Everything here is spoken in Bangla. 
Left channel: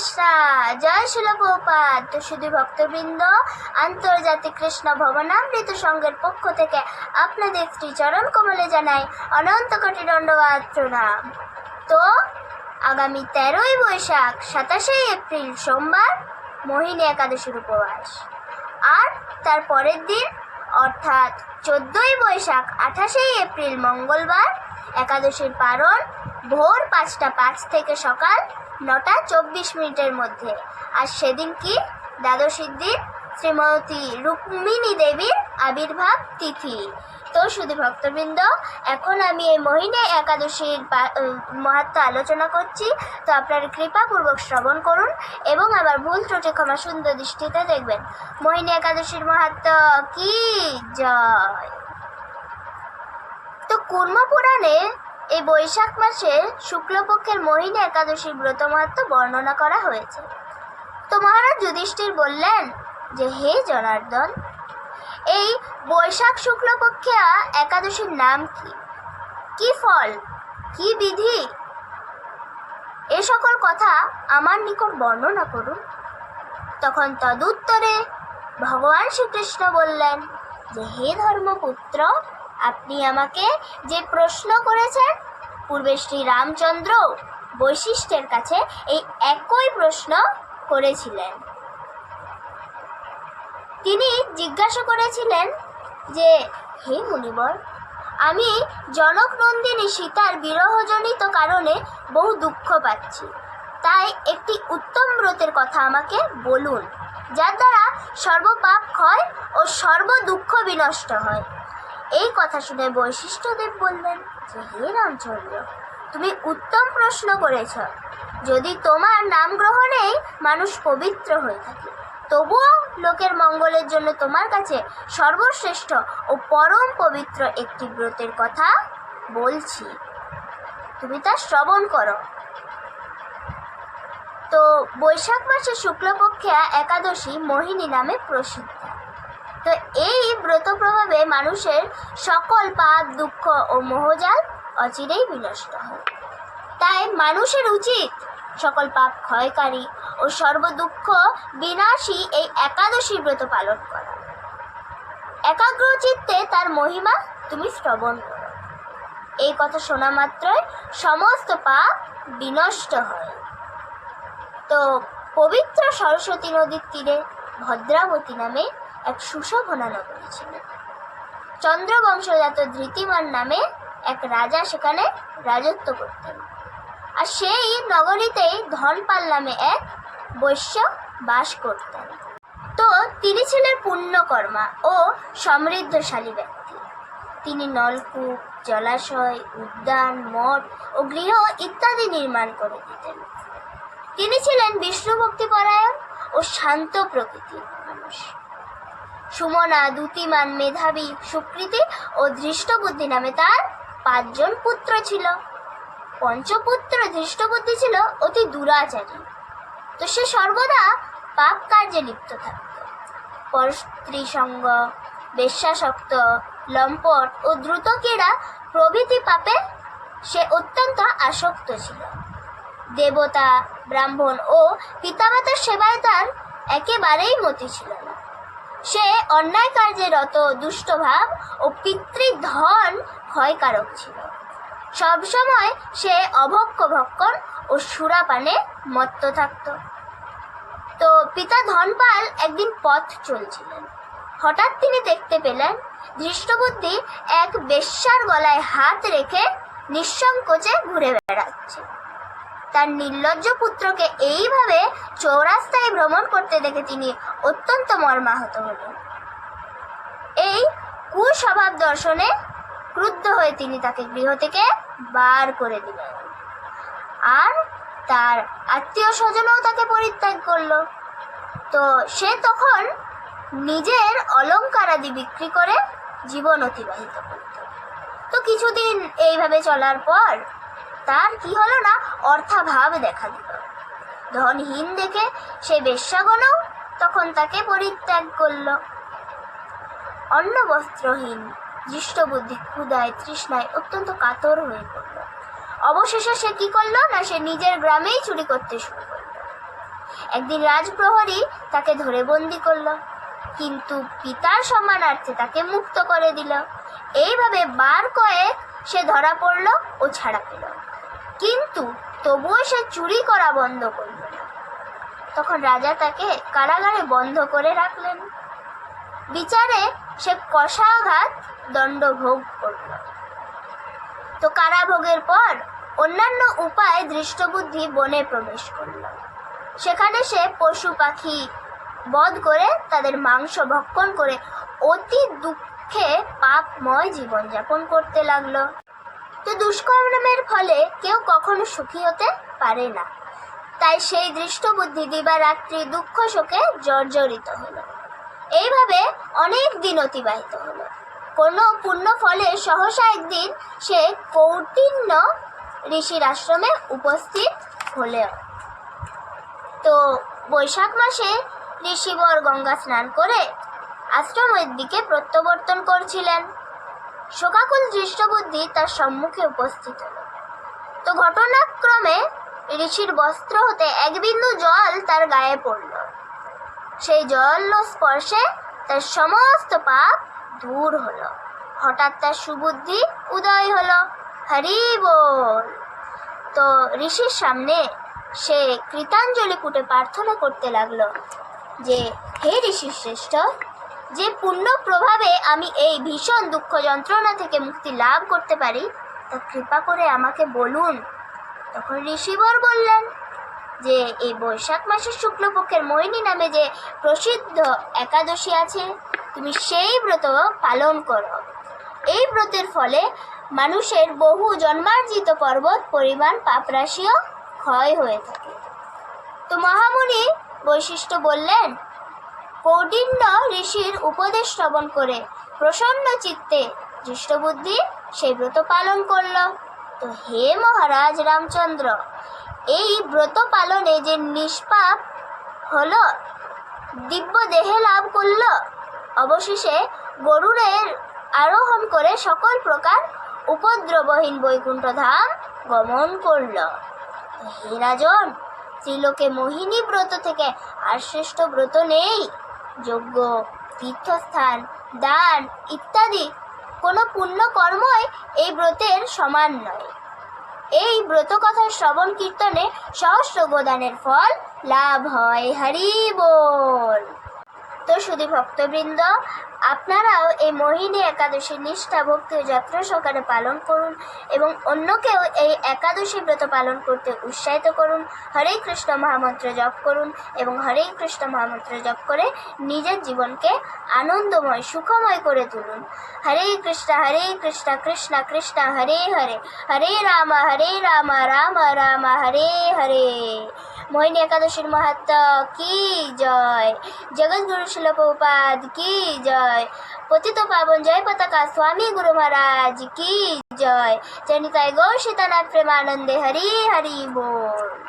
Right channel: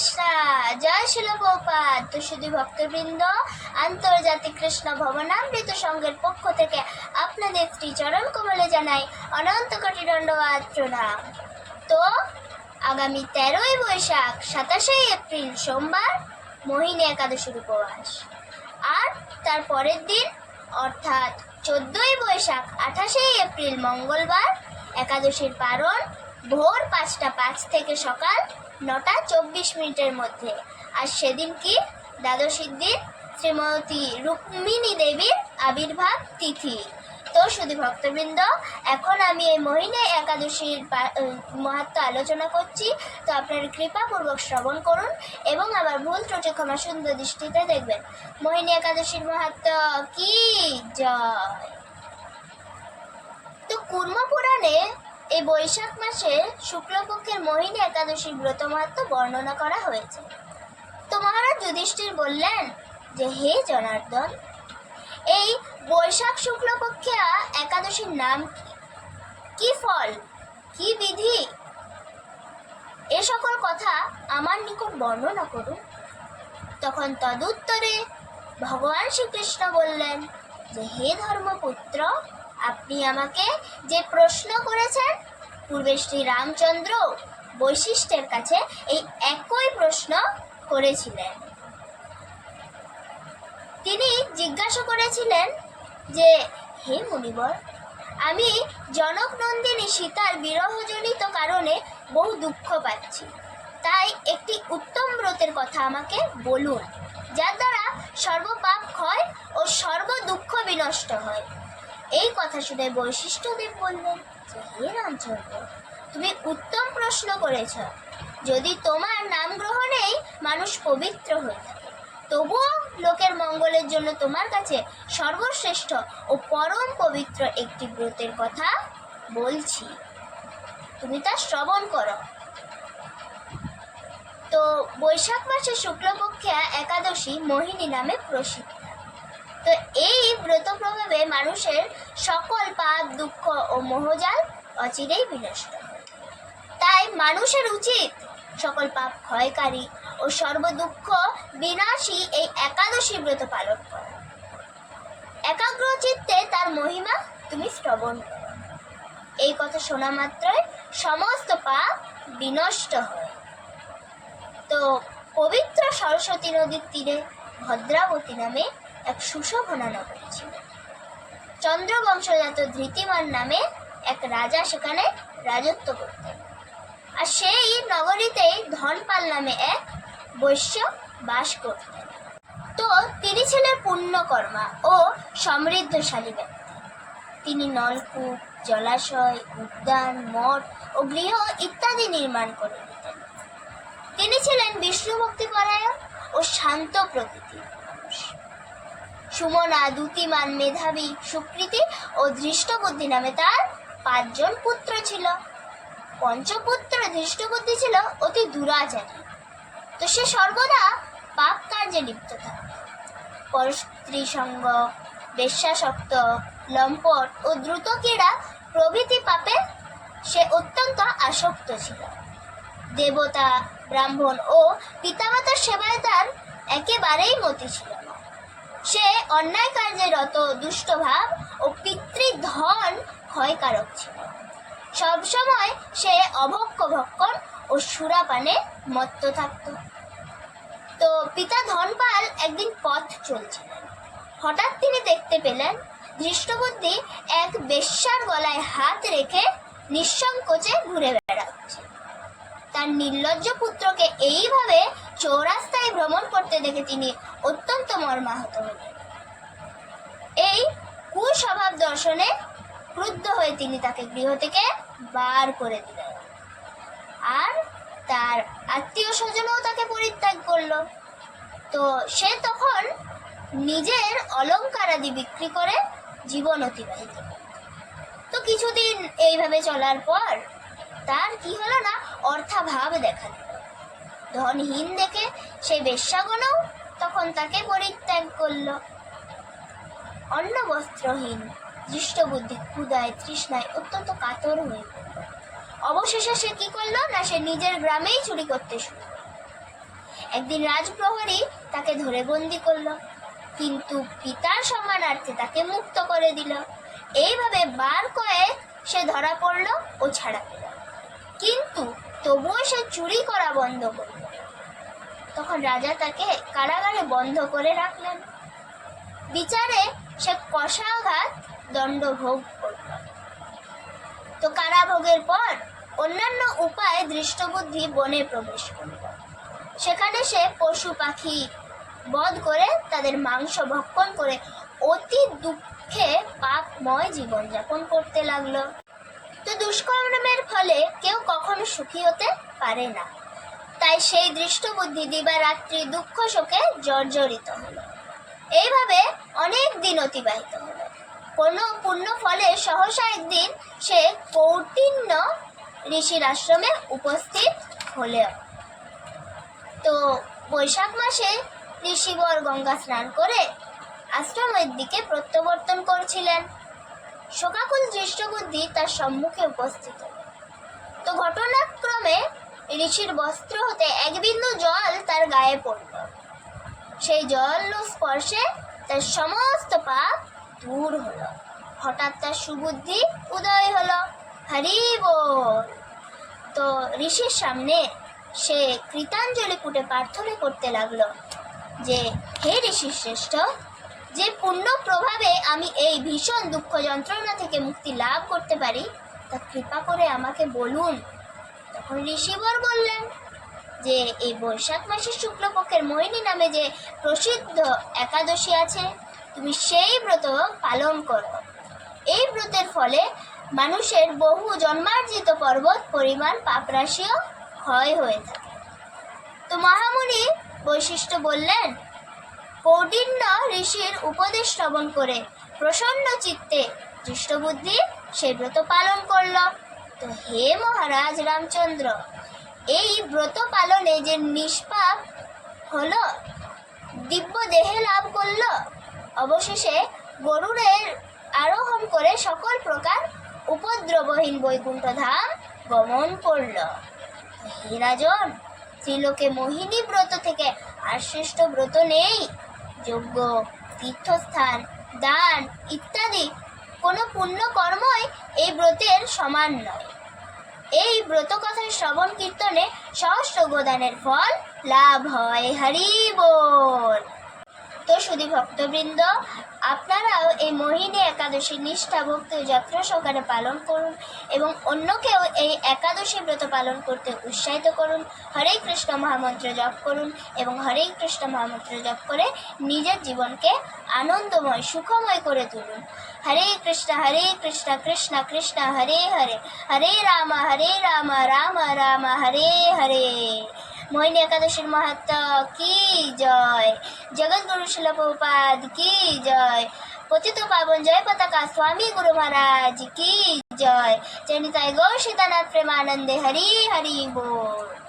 কৃষ্ণ, জয় শিল প্রভুপাদ। তো শুধু ভক্তবৃন্দ, আন্তর্জাতিক কৃষ্ণ ভবনামৃত সংঘের পক্ষ থেকে আপনাদের শ্রীচরণ কমলে জানাই অনন্ত কোটি দণ্ডবাদ প্রণাম। তো আগামী 13ই বৈশাখ 27শে এপ্রিল সোমবার মোহিনী একাদশীর উপবাস, আর তার পরের দিন অর্থাৎ 14ই বৈশাখ 28শে এপ্রিল মঙ্গলবার একাদশীর পারণ ভোর 5টা 5 থেকে সকাল 9টা 24 মিনিটের মধ্যে। আর সেদিন কি দ্বাদশীর দিন শ্রীমতী রুক্মিণী দেবীর আবির্ভাব তিথি। তো শুধু ভক্তবৃন্দ, এখন আমি এই মোহিনী একাদশীর মাহাত্ম্য আলোচনা করছি, তো আপনারা কৃপাপূর্বক শ্রবণ করুন এবং আবার ভুল ত্রুটি ক্ষমা সুন্দর দৃষ্টিতে দেখবেন। মোহিনী একাদশীর মাহাত্ম্য কি জয়। তো কুর্ম পুরাণে এই বৈশাখ মাসে শুক্লপক্ষের মোহিনী একাদশীর ব্রত মাহাত্ম্য বর্ণনা করা হয়েছে। তো মহারাজ যুধিষ্ঠির বললেন যে, হে জনার্দন, এই বৈশাখ শুক্লপক্ষে একাদশীর নাম কি, কি ফল, কি বিধি, এ সকল কথা আমার নিকট বর্ণনা করুন। তখন তদুত্তরে ভগবান শ্রীকৃষ্ণ বললেন যে, হে ধর্মপুত্র, আপনি আমাকে যে প্রশ্ন করেছেন, পূর্বে শ্রী রামচন্দ্র বৈশিষ্ট্যের কাছে এই একই প্রশ্ন করেছিলেন। তিনি জিজ্ঞাসা করেছিলেন যে, হে মুনিবর, আমি জনক নন্দিনী সীতার বিরহজনিত কারণে বহু দুঃখ পাচ্ছি, তাই একটি উত্তম ব্রতের কথা আমাকে বলুন, যার দ্বারা সর্বপাপ ক্ষয় ও সর্ব দুঃখ বিনষ্ট হয়। এই কথা শুনে বৈশিষ্ট্যদেব বললেন যে, হে রামচন্দ্র, তুমি উত্তম প্রশ্ন করেছ। যদি তোমার নাম গ্রহণেই মানুষ পবিত্র হয়ে থাকে, তবুও লোকের মঙ্গলের জন্য তোমার কাছে সর্বশ্রেষ্ঠ ও পরম পবিত্র একটি ব্রতের কথা বলছি, তুমি তা শ্রবণ করো। তো বৈশাখ মাসে শুক্লপক্ষে একাদশী মোহিনী নামে প্রসিদ্ধ। তো এই ব্রত প্রভাবে মানুষের সকল পাপ, দুঃখ ও মোহজাল অচিরেই বিনষ্ট হয়। তাই মানুষের উচিত সকল পাপ ক্ষয়কারী ও সর্বদুঃখ বিনাশী এই একাদশী ব্রত পালন করা। একাগ্র চিত্তে তার মহিমা তুমি শ্রবণ করো। এই কথা শোনা মাত্রই সমস্ত পাপ বিনষ্ট হয়। তো পবিত্র সরস্বতী নদীর তীরে ভদ্রাবতী নামে এক সুশোভনা নগরী ছিল। চন্দ্রবংশজাত ধৃতিমান নামে এক রাজা সেখানে রাজত্ব করতেন। আর সেই নগরীতেই ধনপাল নামে এক বৈশ্য বাস করতেন। তো তিনি ছিলেন পুণ্যকর্মা ও সমৃদ্ধশালী ব্যক্তি। তিনি নলকূপ, জলাশয়, উদ্যান, মঠ ও গৃহ ইত্যাদি নির্মাণ করে দিতেন। তিনি ছিলেন বিষ্ণু ভক্তিপরায়ণ ও শান্ত প্রকৃতির মানুষ। সুমনা, দ্যুতিমান, মেধাবী, সুকৃতি ও ধৃষ্টবুদ্ধি নামে তার 5 জন পুত্র ছিল। পঞ্চপুত্র ধৃষ্টবুদ্ধি ছিল অতি দুরাচারী। তো সে সর্বদা পাপ কার্যে লিপ্ত থাকত। পরস্ত্রী সঙ্গ, বেশ্যাসক্ত, লম্পট ও দ্রুত ক্রীড়া প্রভৃতি পাপে সে অত্যন্ত আসক্ত ছিল। দেবতা, ব্রাহ্মণ ও পিতামাতার সেবায় তার একেবারেই মতি ছিল না। সে অন্যায় কার্যে রত দুষ্টভাব ও পিতৃধন ক্ষয়কারক ছিল। সবসময় সে অভক্ষ ভক্ষণ ও সুরাপানে মত্ত থাকত। তো পিতা ধনপাল একদিন পথ চলছিলেন। হঠাৎ তিনি দেখতে পেলেন ধৃষ্টবুদ্ধি এক বেশ্যার গলায় হাত রেখে নিঃসংকোচে ঘুরে বেড়াচ্ছে। তার নির্লজ্জ পুত্রকে এইভাবে চৌরাস্তায় ভ্রমণ করতে দেখে তিনি অত্যন্ত মর্মাহত হলেন। এই কুস্বভাব দর্শনে ক্রুদ্ধ হয়ে তিনি তাকে গৃহ থেকে বার করে দিলেন। আর তার আত্মীয় স্বজনও তাকে পরিত্যাগ করল। তো সে তখন নিজের অলঙ্কারাদি বিক্রি করে জীবন অতিবাহিত করত। তো কিছুদিন এইভাবে চলার পর তার কি হলো না, অর্থাভাব দেখা দিল। ধনহীন দেখে সেই বেশ্যাগণও তখন তাকে পরিত্যাগ করল। অন্ন বস্ত্রহীন দৃষ্টবুদ্ধি ক্ষুধায় তৃষ্ণায় অত্যন্ত কাতর হয়ে পড়ল। অবশেষে সে কি করলো না, সে নিজের গ্রামেই চুরি করতে শুরু করল। একদিন রাজপ্রহরী তাকে ধরে বন্দি করলো, কিন্তু পিতার সম্মানার্থে তাকে মুক্ত করে দিল। এইভাবে বার কয়েক সে ধরা পড়ল ও ছাড়া পেল, কিন্তু তবুও সে চুরি করা বন্ধ করল না। তখন রাজা তাকে কারাগারে বন্ধ করে রাখলেন। বিচারে সে কষাঘাত দণ্ড ভোগ করল। তো কারাভোগের পর অন্যান্য উপায়ে দৃষ্টবুদ্ধি বনে প্রবেশ করল। সেখানে সে পশু পাখি বধ করে তাদের মাংস ভক্ষণ করে অতি দুঃখে পাপময় জীবনযাপন করতে লাগলো। তো দুষ্কর্মের ফলে কেউ কখনো সুখী হতে পারে না, তাই সেই দৃষ্টবুদ্ধি দিবারাত্রি দুঃখ শোকে জর্জরিত হলো। এইভাবে অনেক দিন অতিবাহিত হলো। কোনো পুণ্য ফলে সহসা একদিন সে কৌটিন্য ঋষির আশ্রমে উপস্থিত হলো। তো বৈশাখ মাসে ঋষিবর গঙ্গা স্নান করে আশ্রমের দিকে প্রত্যাবর্তন করছিলেন। শোকাকুল দৃষ্টবুদ্ধি তার সম্মুখে উপস্থিত হলো। তো ঘটনাক্রমে ঋষির বস্ত্র হতে এক বিন্দু জল তার গায়ে পড়ল। সেই জল স্পর্শে তার সমস্ত পাপ দূর হলো। হঠাৎ তার সুবুদ্ধি উদয় হলো। হরি বল। তো ঋষির সামনে সে কৃতাঞ্জলি কুটে প্রার্থনা করতে লাগলো যে, হে ঋষি শ্রেষ্ঠ, যে পুণ্য প্রভাবে আমি এই ভীষণ দুঃখ যন্ত্রণা থেকে মুক্তি লাভ করতে পারি তা কৃপা করে আমাকে বলুন। তখন ঋষিবর বললেন যে এই বৈশাখ মাসের শুক্লপক্ষের মোহিনী নামে যে প্রসিদ্ধ একাদশী আছে, তুমি সেই ব্রত পালন করো। এই ব্রতের ফলে মানুষের বহু জন্মার্জিত পর্বত পরিমাণ পাপরাশিও ক্ষয় হয়ে থাকে। তো মহামুনি বৈশিষ্ট্য বললেন, কৌটিন্য ঋষির উপদেশ শ্রবণ করে প্রসন্ন চিত্তে দৃষ্টবুদ্ধি সেই ব্রত পালন করল। তো হে মহারাজ রামচন্দ্র, এই ব্রত পালনে যে নিষ্পাপ হলো, দিব্য দেহে লাভ করল, অবশেষে গরুড়ের আরোহণ করে সকল প্রকার উপদ্রবহীন বৈকুণ্ঠ ধাম গমন করল। হে রাজন, ত্রিলোকে মোহিনী ব্রত থেকে আর শ্রেষ্ঠ ব্রত নেই। যজ্ঞ, তীর্থস্থান, দান ইত্যাদি কোনো পুণ্য কর্মই এই ব্রতের সমান নয়। এই ব্রত কথার শ্রবণ কীর্তনে সহস্র গোদানের ফল লাভ হয়। হরি বল। তো শুধু ভক্তবৃন্দ, আপনারাও এই মোহিনী একাদশী নিষ্ঠা ভক্তি যত্ন সহকারে পালন করুন এবং অন্যকেও এই একাদশী ব্রত পালন করতে উৎসাহিত করুন। হরে কৃষ্ণ মহামন্ত্র জপ করুন এবং হরে কৃষ্ণ মহামন্ত্র জপ করে নিজের জীবনকে আনন্দময় সুখময় করে তুলুন। হরে কৃষ্ণ কৃষ্ণ কৃষ্ণ হরে হরে, হরে রাম রাম রাম হরে হরে। মোহিনী একাদশীর মাহাত্ম্য কি জয়। জগৎগুরু শিল প্রভুপাদ কি জয়। পতিত পাবন জয় পতাকা স্বামী গুরু মহারাজ কি জয়। জয় নিতাই গৌর সীতানাথ প্রেমানন্দে। হরি হরি बोल।